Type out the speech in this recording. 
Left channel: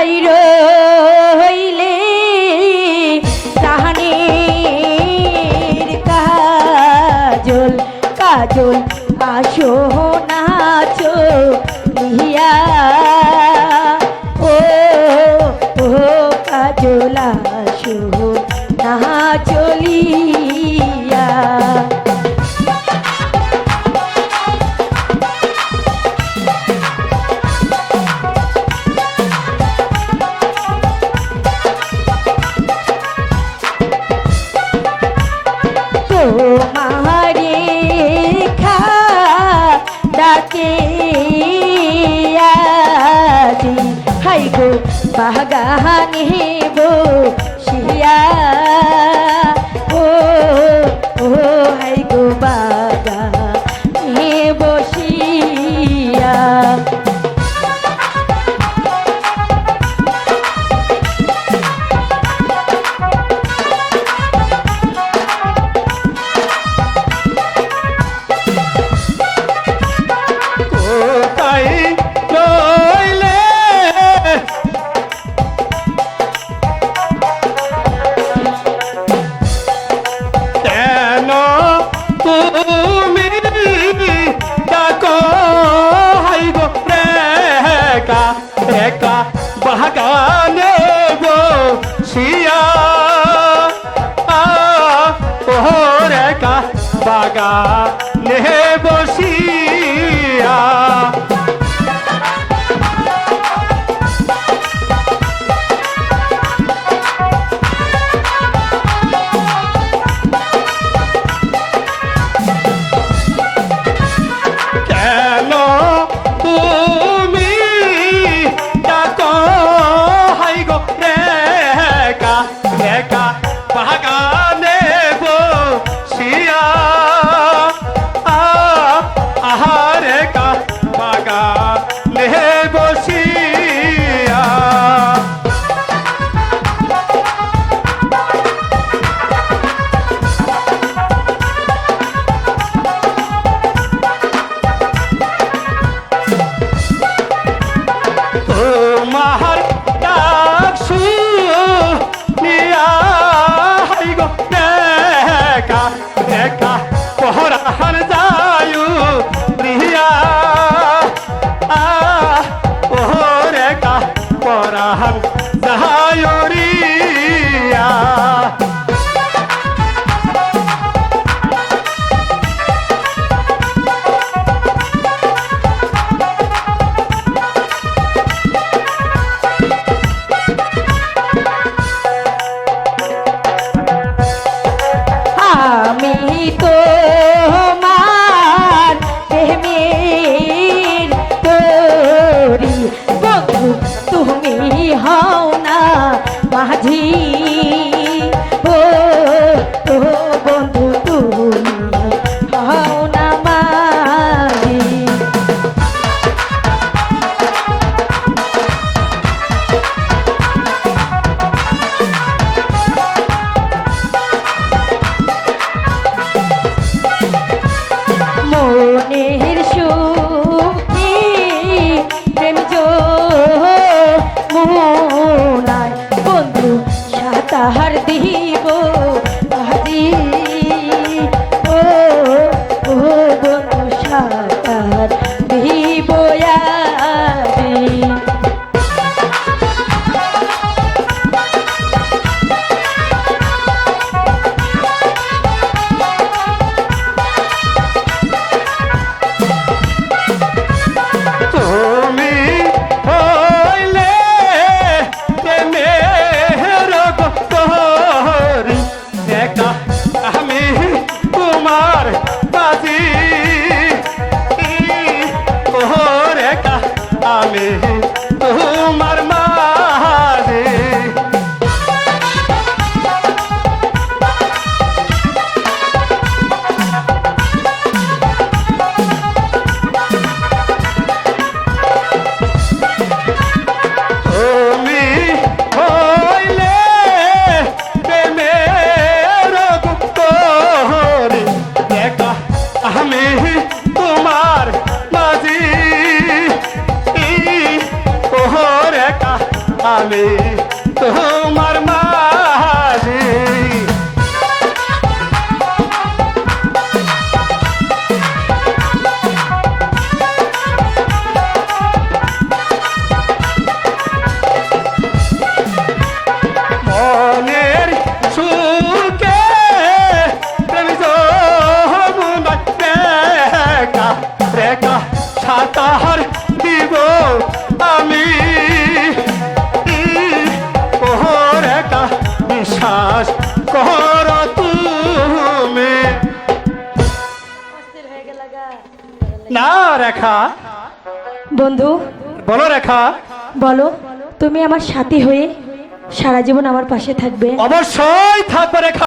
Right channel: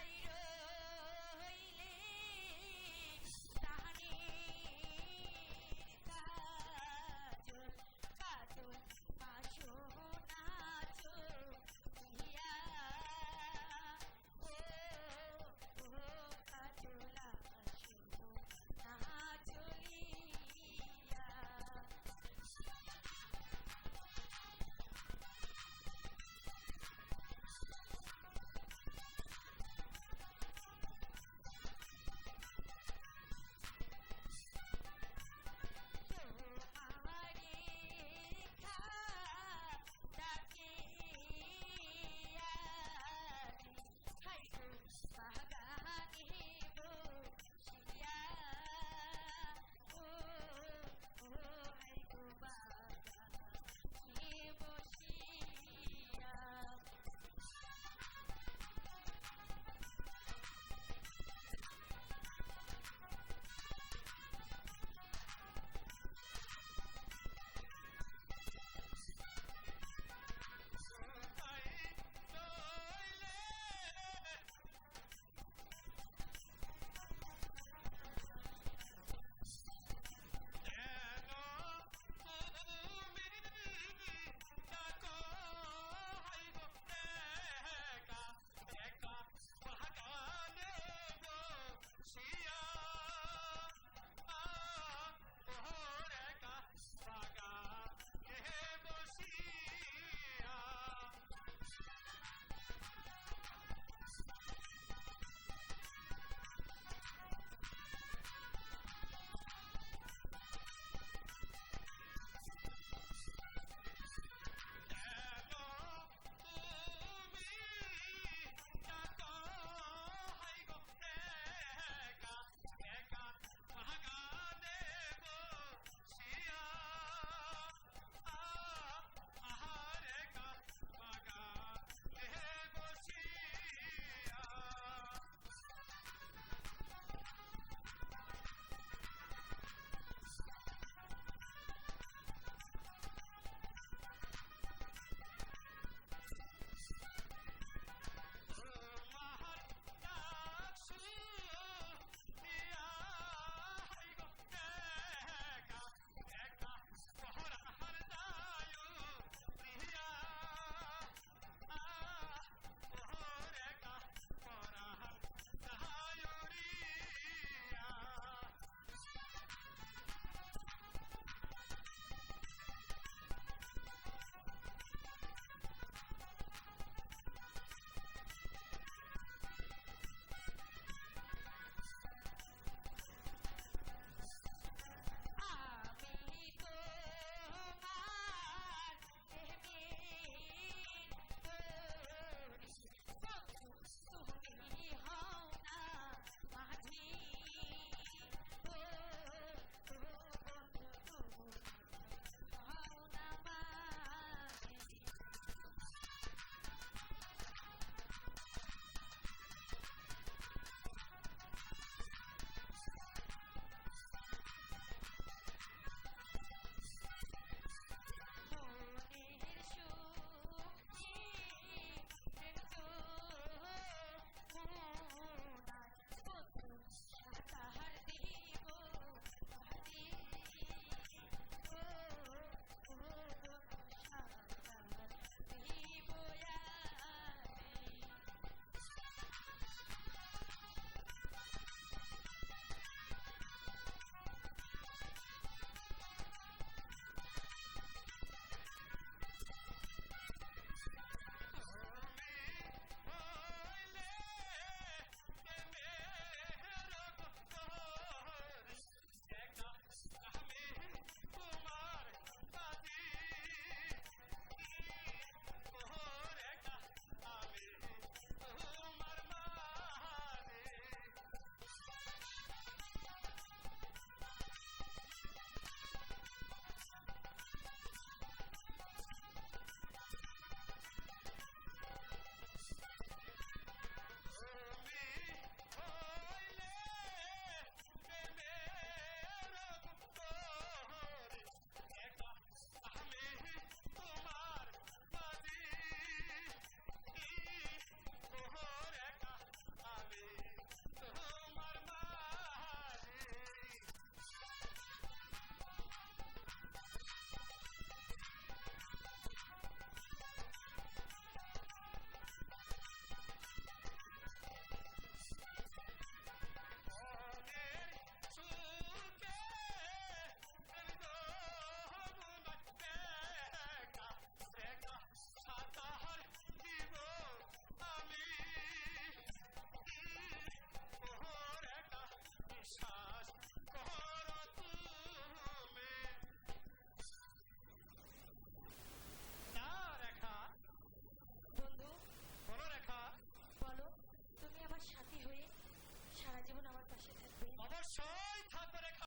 বাইর হইলে তাহানির কাজল কাজল আসো নাচো লিহিয়া ও ও কাজল আসো নাচলিয়া গো বাগানে বসিয়া बागा ने ficou. না রেখা। বন্ধু। বলো রেখা। বলো তুমি আমার সাথী হয়ে সারা জীবন আমার পাশে থাকবে। অবশ্যই থাকবে রেখা।